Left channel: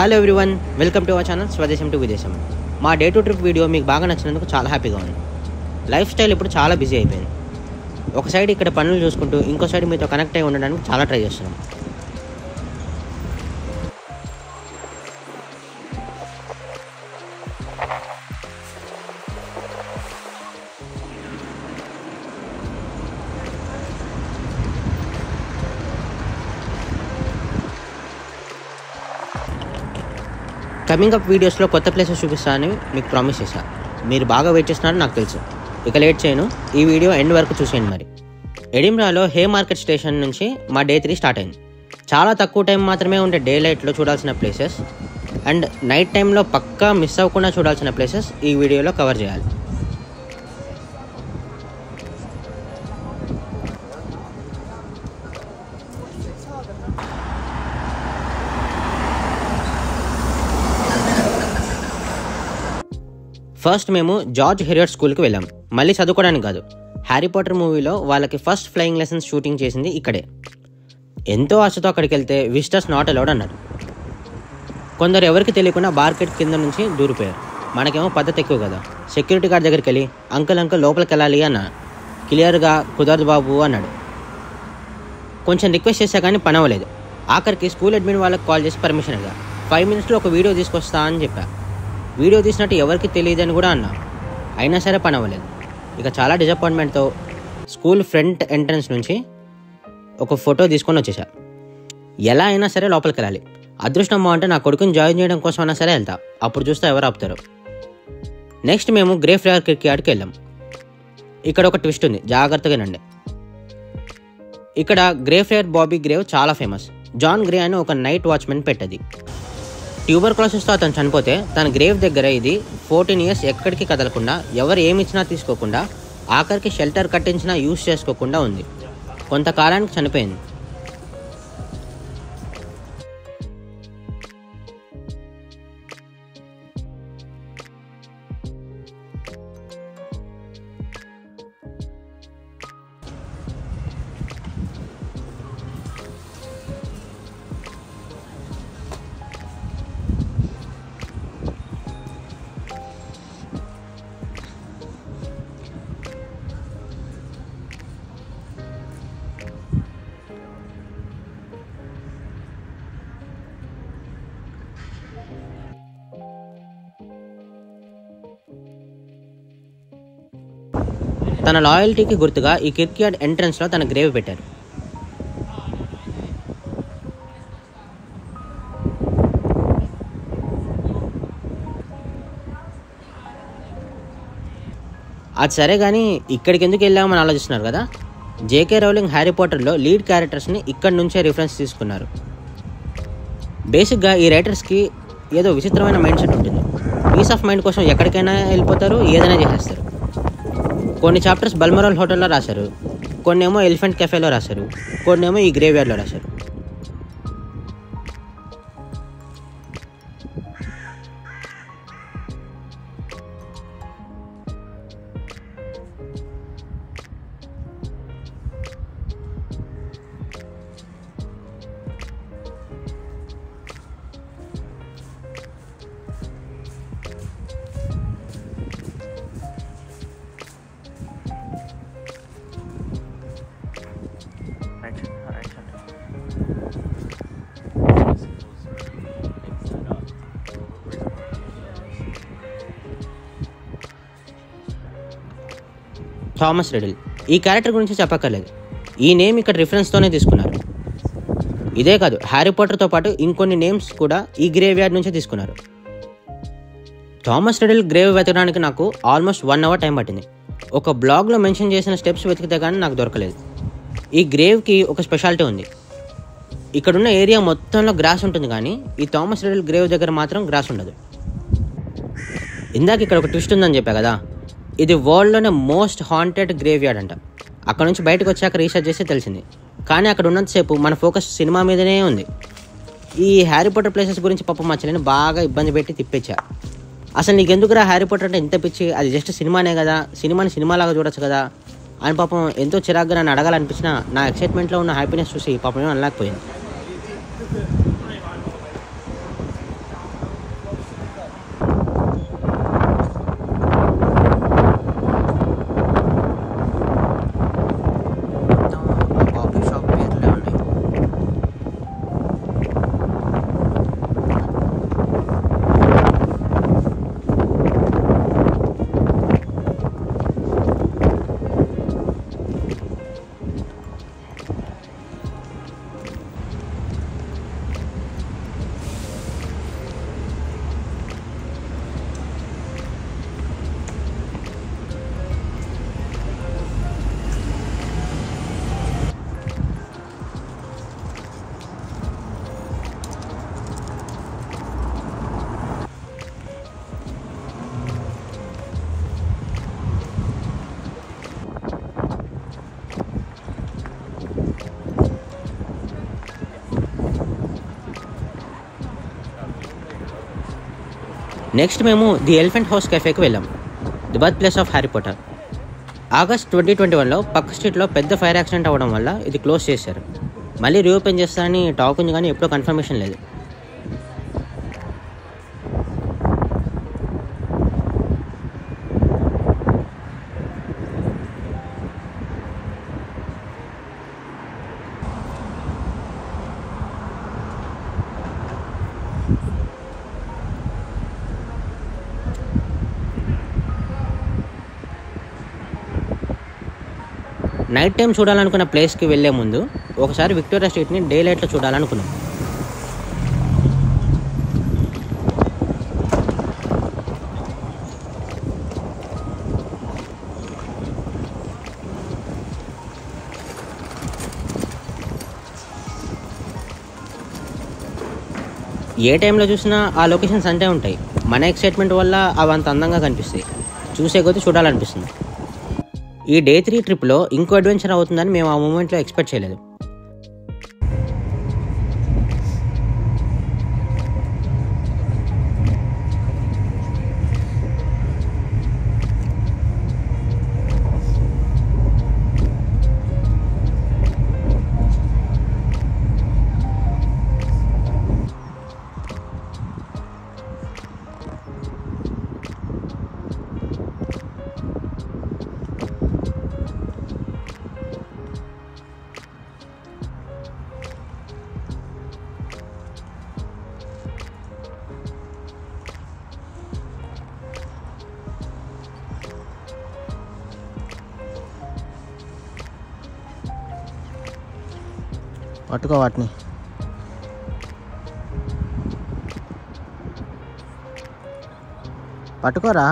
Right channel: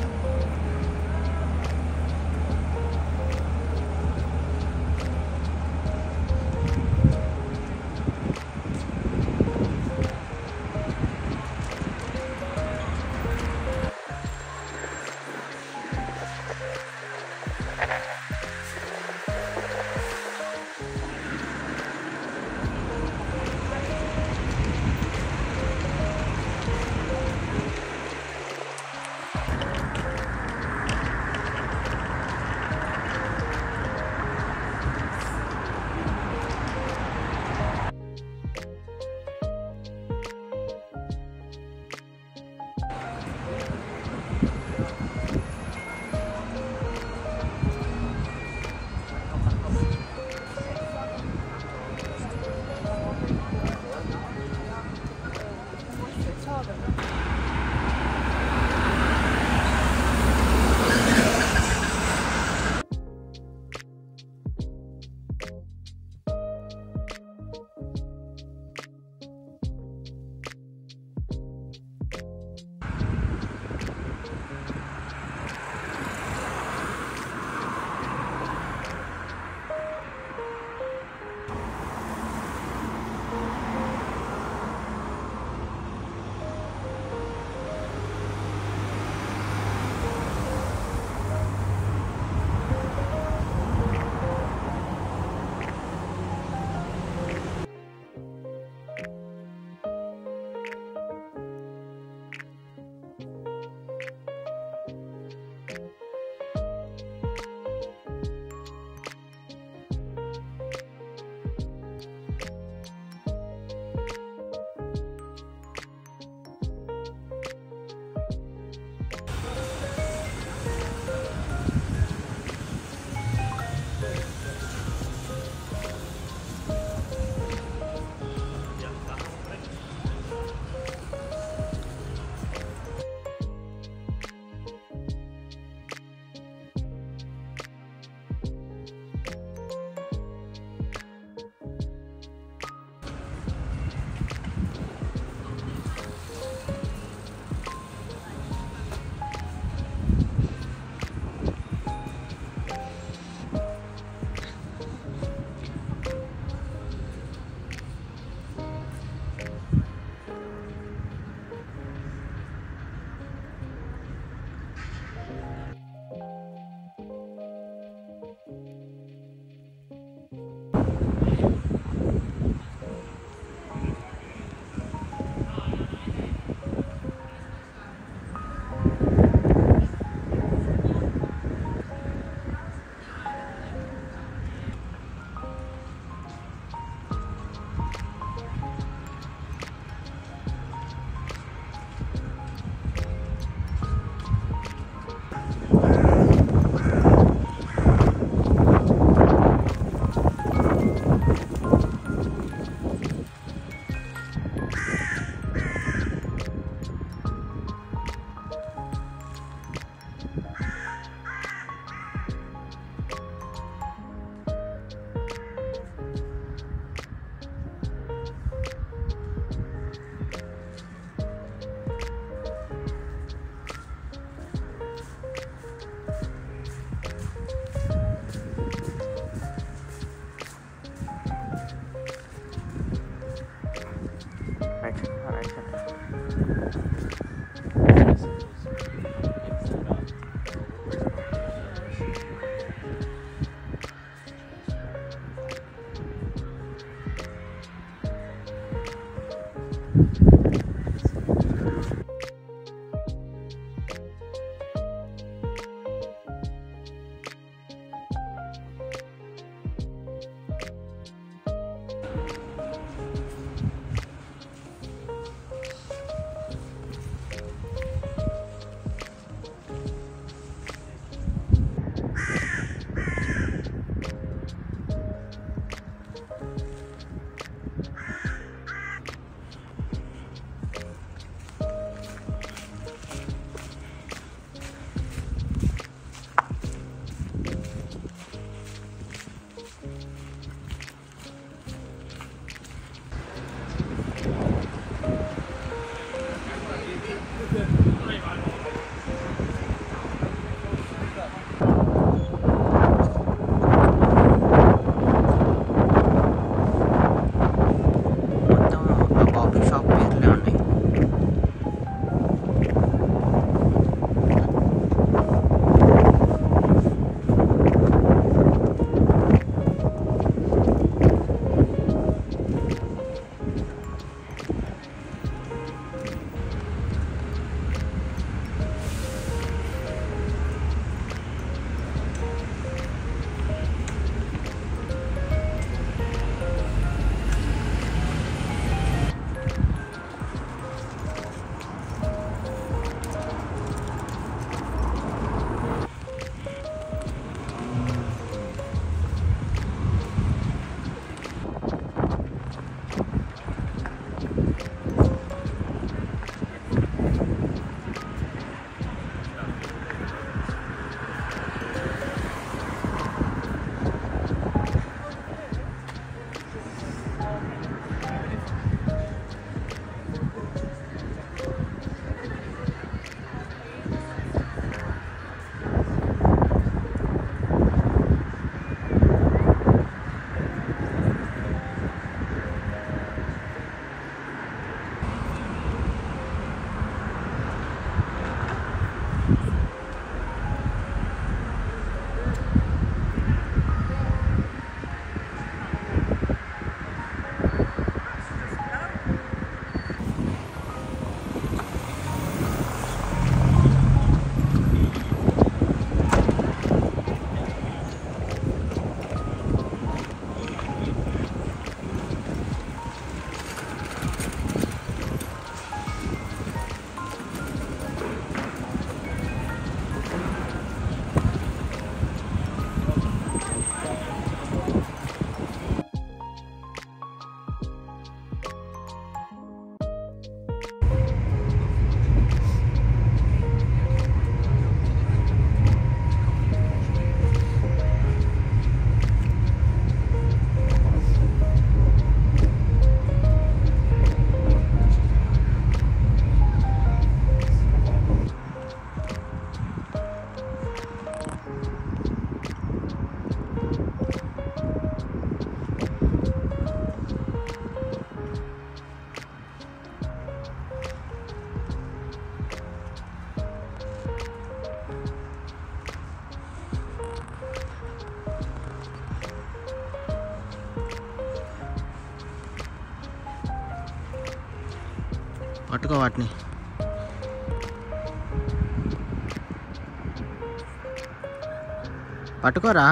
Hello everyone, welcome to our channel Swadesam to Videsam. మా day to trip video మీకు బాగా నచ్చినందుకు చాలా హ్యాపీగా ఉంది. లైఫ్ స్టైల్ ఇప్పుడు చాలా బిజీ అయిపోయింది. ఒక సైడ్ ఇక్కడ పనులు చూసుకుంటూ ఇంకో సైడ్ మీతో కనెక్ట్ అయి ఉండడానికి చాలా ట్రై చేస్తున్నాం. కమింగ్ అప్ వీడియోస్లో కొత్త ప్లేసెస్ చూపిస్తానని మీకు ప్రామిస్ చేశాను. మీరు బాగా వెయిట్ చేస్తున్నారని నాకు తెలుసు. ఇక లేట్ చేయను, ఈ వీడియో ఎండ్ వరకు చూసేయండి. మరి ఎడిన్బరాలో హే మార్కెట్ స్టేషన్ నుంచి మా డే 3 స్టార్ట్ అయింది. చాలా తక్కువ టైం మాత్రమే ఉండే డే లైట్లో చూడాల్సిన ప్లేసెస్ అండ్ నైట్ టైంలో పక్కా మిస్ అవ్వకుండా చూడాల్సిన ప్లేసెస్ ఈ వీడియోలో కవర్ చేయాలి. ఫస్ట్ మేము జార్జ్ హెరియట్ స్కూల్కి వెళ్ళాం. మళ్ళీ చదువుకోవడానికి కాదు, హ్యారీ పాటర్ మూవీలో వాళ్ళకి ఫస్ట్ ఫ్లయింగ్ లెసన్స్ షూటింగ్ చేసింది ఇక్కడే. ఎంతో ఆశతో అక్కడికి వెళ్తే విజిటర్స్ నాట్ అలౌడ్ అన్నారు. కొందరు ఎవరికి తెలియకుండా మార్కెట్ కింద నుంచి దూరిపోయారు. మనకేమో పద్ధతి ఎక్కువ కదా. సెక్యూరిటీ గార్డ్ దగ్గరికి వెళ్ళి అంకుల్ లోపలికి వెళ్ళాలి అన్న. క్లియర్గా కుదరదు బాబు అన్నాడు. కొంచెం రిక్వెస్ట్ చేశా కానీ పని అవ్వలేదు. ఆఖరికి స్కూల్ అడ్మిన్ వాళ్ళకి కాల్ చేసి పర్మిషన్ అడిగారు. 5 minutesలో ఒక వీడియో తీసుకొస్తా అని చెప్పారు. వీడియో తీసినట్టు ఎవరికి తెలియదని కూడా అన్నా. అయినా సరే పని అవ్వలేదు. ఇక చాలా డిసప్పాయింట్మెంట్తో స్కూల్ ఫ్రంట్ ఎంట్రన్స్ నుంచి ఒక ఫోటో తీసుకొని వచ్చేసా. ఎలా అయినా సరే లోపలికి వెళ్ళాలి. అదృష్టం బాగుంటే నా కొడుకుని జాయిన్ చేయడం కోసం అయినా సరే వెళ్తా. అప్పుడు చూస్తే ఎవరు ఆపుతారు. నెక్స్ట్ మేము గ్రేవ్యార్డ్ కిర్క్యార్డ్కి వెళ్ళాం. ఇక్కడ ఒక ట్విస్ట్ ఉంది, జాగ్రత్తగానండి. ఇక్కడ గ్రేవ్యార్డ్ బాబీ గ్రేవ్ చాలా ఫేమస్. జాన్ గ్రే అని ఒక నైట్ వాచ్మెన్ పెట్టది. ట్యూబర్క్లోసిస్తో అతను చనిపోతే తన గ్రేవ్ దగ్గర ఇది 14 years ఎక్కడికి కదలకుండా, ఎవరు ఏమి ఇచ్చినా తీసుకోకుండా, ఆఖరికి షెల్టర్ కట్టించినా యూజ్ చేసుకోకుండా ఉంది. కొంతకాలానికి చనిపోయింది. తన లాయల్టీకి గుర్తుగా ఈ కిర్క్యార్డ్ ఎంట్రన్స్లో తన గ్రేవ్ పెట్టారు. అది సరే కానీ ఇక్కడికి ఎందుకు వెళ్ళామని ఆలోచిస్తున్నారు కదా. జేకే రౌలింగ్ హ్యారీ పాటర్లో లీడ్ క్యారెక్టర్స్ని ఇక్కడి నుంచే రిఫరెన్స్ తీసుకున్నారు. బేసిక్గా ఈ రైటర్స్కి ఏదో విచిత్రమైన మైండ్ సెట్ ఉంటుంది. పీస్ ఆఫ్ మైండ్ కోసం ఎక్కడికైనా వెళ్ళిపోతారు, ఏదైనా చేసేస్తారు. కొన్ని చాప్టర్స్ బల్మరాల్ హోటల్లో రాశారు, కొన్ని ఏమో ఎలిఫెంట్ కెఫేలో రాశారు, కొన్ని ఏమో ఈ గ్రేవ్యార్డ్లో రాశారు. థామస్ రిడిల్ ఈ క్యారెక్టర్ గురించి చెప్పక్కర్లేదు. ఈ నేమ్ ఇక్కడ రిఫరెన్స్తోనే తీసుకున్నారు. ఇదే కాదు, హ్యారీ పాటర్తో పాటు ఇంకొన్ని నేమ్స్ కూడా ఈ గ్రేవ్యార్డ్ నుంచే తీసుకున్నారు. థామస్ రిడిల్ గ్రేవ్ వెతకడానికి నాకు ఆల్మోస్ట్ 1 hour టైం పట్టింది. ఒక బ్లాగ్లో మెన్షన్ చేసిన స్టెప్స్ వెతికితే కానీ నాకు దొరకలేదు. ఈ గ్రేవ్కి ఒక స్పెషాలిటీ ఉంది. ఇక్కడున్న ఏరియా మొత్తంలో గ్రాస్ ఉంటుంది, కానీ ఈ థామస్ రిడిల్ గ్రేవ్ దగ్గర మాత్రం గ్రాస్ ఉండదు. ఇందాక ఇక్కడ ఒక ట్విస్ట్ ఉందని చెప్పా కదా, ఇది వరల్డ్లోనే మోస్ట్ హాంటెడ్ గ్రేవ్యార్డ్ అంట. అక్కడ నుంచి బయటకు వచ్చాక రీసెర్చ్ చేస్తే తెలిసింది. కానీ అక్కడ ఉన్నంతసేపు మన ఫోకస్ సినిమా మీదనే ఉంది. ఈ హ్యారీ పాటర్ ప్లేసెస్ గురించి పాపం మా చెల్లిని బాగా ఇబ్బంది పెట్టి తిప్పించా. అసలు నీకెందుకురా హ్యారీ పాటర్ అంటే ఇంత పిచ్చి, అది జస్ట్ సినిమానే కదా, సినిమాని సినిమాలాగా చూడొచ్చు కదా అని పాపం ఎంతో చిరాగ్గా నన్ను అడగాలనిపించిన నా ఎక్సైట్మెంట్లో ఉన్న హ్యాపీనెస్ చూసి పాపం ఏమో అనలేకపోయింది. నెక్స్ట్ మేము ది ఎలిఫెంట్ హౌస్ కెఫేకి వెళ్ళాం, the birth place of Harry Potter. August 2021లో పక్క స్ట్రీట్లో పెద్ద ఫైర్ యాక్సిడెంట్ అవ్వడం వల్ల ఇది క్లోజ్ చేశారు. మళ్ళీ రీఓపెన్ చేస్తారని టాక్ ఉంది, కానీ ఎప్పుడూ కన్ఫర్మేషన్ లేదు. నైట్ టైం చూడాలనుకున్న ప్లేస్కి వెళ్ళే ముందు ఒకసారి విక్టోరియా స్ట్రీట్ని డే లైట్లో చూడాలనుకున్నాం. ఏ టైంలో చూసినా ఆ లొకేషన్స్ అంతే ఉంటాయి. మన ఎక్సైట్మెంట్ వల్ల అవి అంత అందంగా కనిపిస్తాయి, చూసే కొద్దీ చూడాలనిపిస్తుంది. ఈ డే 3 ట్రిప్లో ఇంకో అడ్వెంచర్ అవుతుందని మేము ఆ మూమెంట్లో ఎక్స్పెక్ట్ చేయలేదు. పట్టుకో వాటిని. పట్టుకోరా.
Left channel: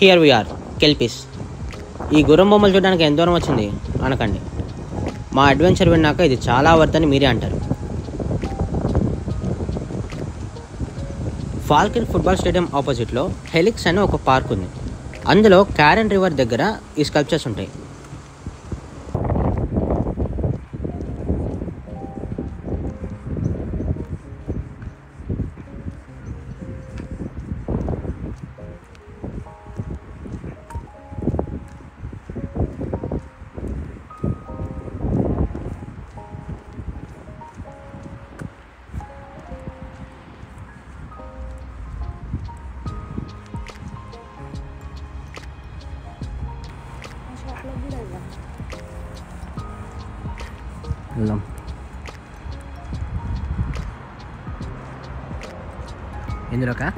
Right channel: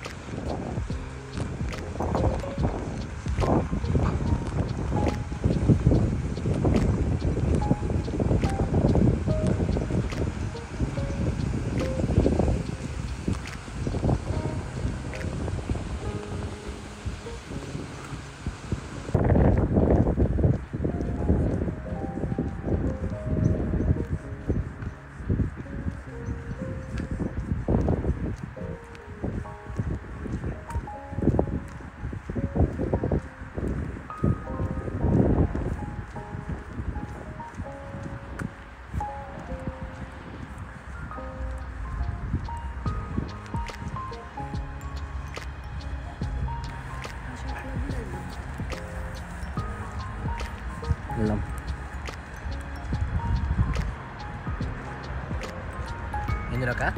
Here we are, kelpies. ఈ గుర్రం బొమ్మలు చూడడానికి ఎంత దూరం వచ్చింది అనకండి. మా అడ్వెంచర్ విన్నాక ఇది చాలా వర్త్ అని మీరే అంటారు. ఫాల్కన్ ఫుట్బాల్ స్టేడియం ఆపోజిట్లో హెలిక్స్ అనే ఒక పార్క్ ఉంది. అందులో క్యారన్ రివర్ దగ్గర ఈ స్కల్ప్చర్స్ ఉంటాయి. వెళ్దాం. ఇందులోకా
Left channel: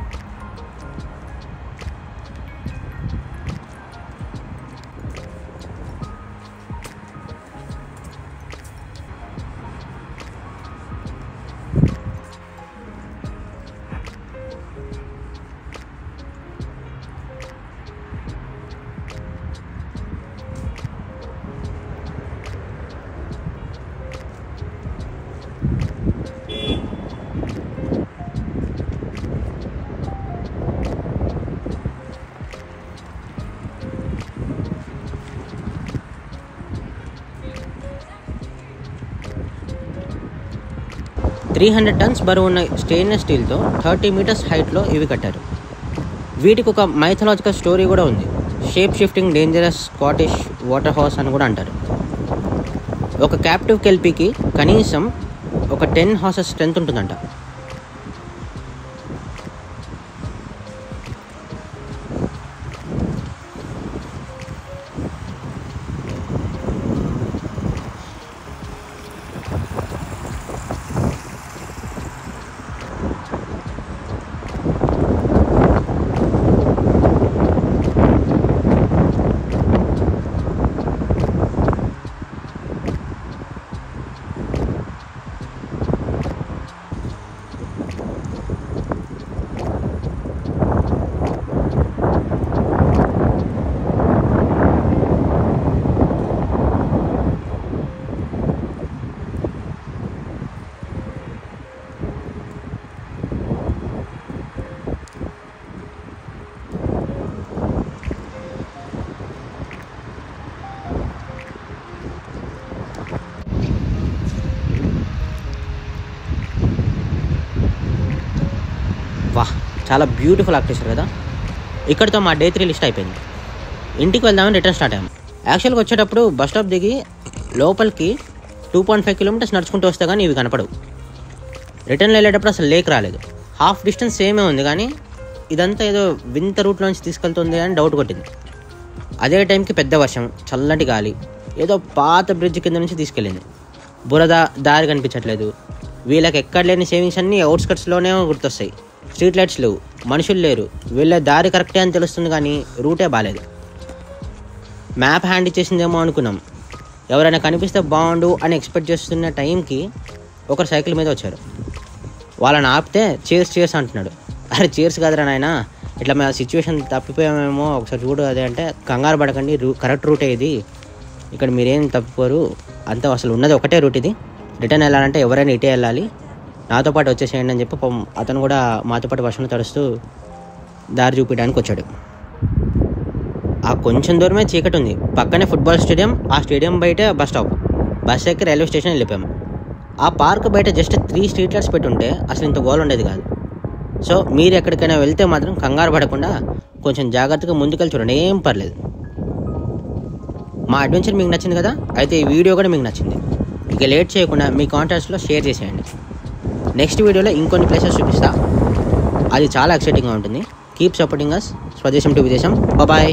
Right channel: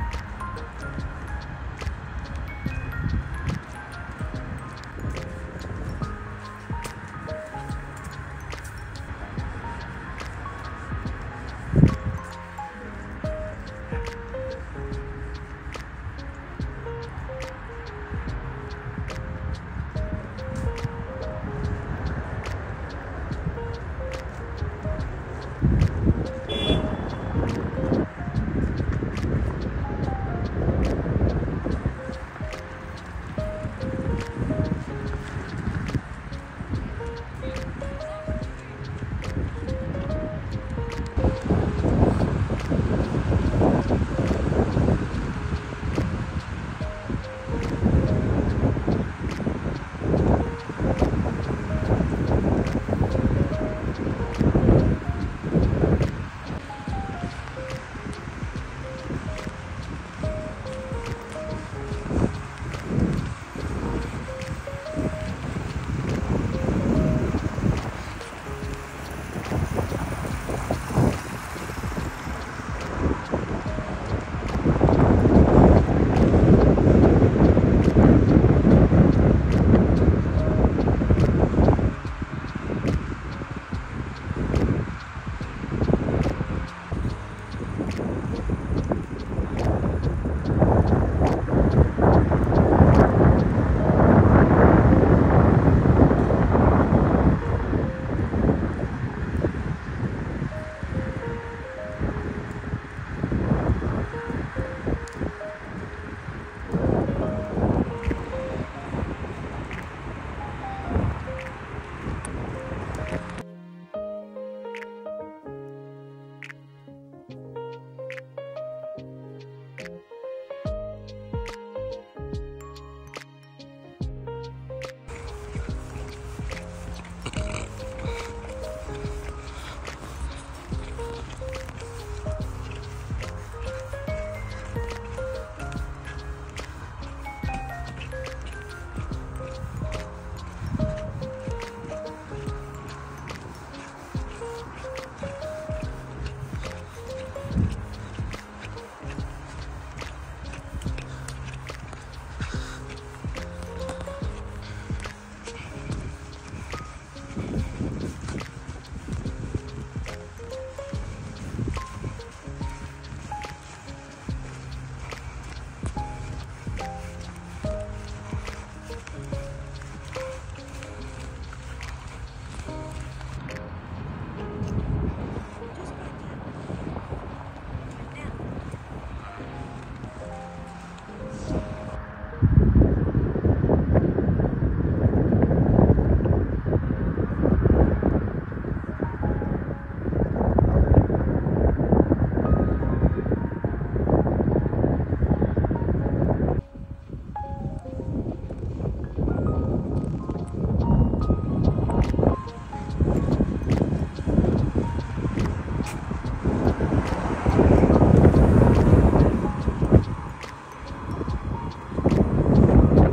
300 టన్స్ బరువు ఉన్న స్టెయిన్లెస్ స్టీల్తో 30 మీటర్స్ హైట్లో ఇవి కట్టారు. వీటికి ఒక మైథలాజికల్ స్టోరీ కూడా ఉంది. Shape shifting dangerous Scottish water horse అని కూడా అంటారు. ఒక క్యాప్టివ్ కెల్పీకి కనీసం ఒక 10 హార్సెస్ స్ట్రెంత్ ఉంటుందంట. వాహ్, చాలా బ్యూటిఫుల్ ఆర్కిటెక్చర్ కదా. ఇక్కడితో మా డే 3 లిస్ట్ అయిపోయింది. ఇంటికి వెళ్దామని రిటర్న్ స్టార్ట్ అయ్యాము. యాక్చువల్గా వచ్చేటప్పుడు బస్ స్టాప్ దిగి లోపలికి 2.5 కిలోమీటర్స్ నడుచుకుంటూ వస్తే కానీ ఇవి కనపడవు. రిటర్న్ వెళ్ళేటప్పుడు అసలు లేక్ రాలేదు. హాఫ్ డిస్టెన్స్ సేమే ఉంది, కానీ ఇదంతా ఏదో వింత రూట్లోంచి తీసుకెళ్తుంది అని డౌట్ కొట్టింది. అదే టైంకి పెద్ద వర్షం, చల్లటి గాలి ఏదో పాత బ్రిడ్జ్ కింద నుంచి తీసుకెళ్ళింది. బురద, దారి కనిపించట్లేదు. వీళ్ళకి ఎక్కడ లేని సేవింగ్స్ అన్నీ అవుట్స్కట్స్లోనే గుర్తొస్తాయి. స్ట్రీట్ లైట్స్ లేవు, మనుషులు లేరు. వీళ్ళ దారి కరెక్టే అని తెలుస్తుంది, కానీ రూటే బాగాలేదు. మ్యాప్ హ్యాండ్ ఇచ్చేసిందేమో అనుకున్నాం. ఎవరైనా కనిపిస్తే బాగుండు అని ఎక్స్పెక్ట్ చేస్తున్న టైంకి ఒకరు సైకిల్ మీద వచ్చారు. వాళ్ళని ఆపితే చేర్స్ అంటున్నాడు. అరే చేర్స్ కాదురా నాయనా, ఇట్లా మా సిచ్యువేషన్ తప్పిపోయామేమో ఒకసారి చూడు అదే అంటే, కంగారు పడకండి, కరెక్ట్ రూటే ఇది, ఇక్కడ మీరేం తప్పుకోరు, అంతా అసలు ఉన్నది ఒకటే రూట్ ఇది. రిటర్న్ వెళ్ళాలంటే ఎవరైనా ఇటే వెళ్ళాలి, నాతో పాటు వచ్చేసేయండి అని చెప్పి అతను కూడా మాతో పాటు వర్షంలో తడుస్తూ దారి చూపించడానికి వచ్చాడు. ఆ కొంచెం దూరమే చీకటి ఉంది. పక్కనే ఫుట్బాల్ స్టేడియం, ఆ స్టేడియం బయటే బస్ స్టాప్. బస్ ఎక్కి రైల్వే స్టేషన్ వెళ్ళిపోయాము. ఆ పార్క్ బయట జస్ట్ 3 స్ట్రీట్ లైట్స్ పెట్టి ఉంటే అసలు ఇంత గోల్ ఉండేది కాదు. సో మీరు ఎక్కడికైనా వెళ్తే మాత్రం కంగారు పడకుండా కొంచెం జాగ్రత్తగా ముందుకెళ్ళి చూడండి, ఏం పర్లేదు. మా అడ్వెంచర్ మీకు నచ్చింది కదా, అయితే ఈ వీడియో కూడా మీకు నచ్చింది. ఇక లేట్ చేయకుండా మీ కాంటాక్ట్స్లో షేర్ చేసేయండి. నెక్స్ట్ వీడియోలో ఇంకొన్ని ప్లేసెస్ చూపిస్తా, అది చాలా ఎక్సైటింగ్గా ఉంటుంది. Keep supporting us. Swadesam to Videsam. Bye.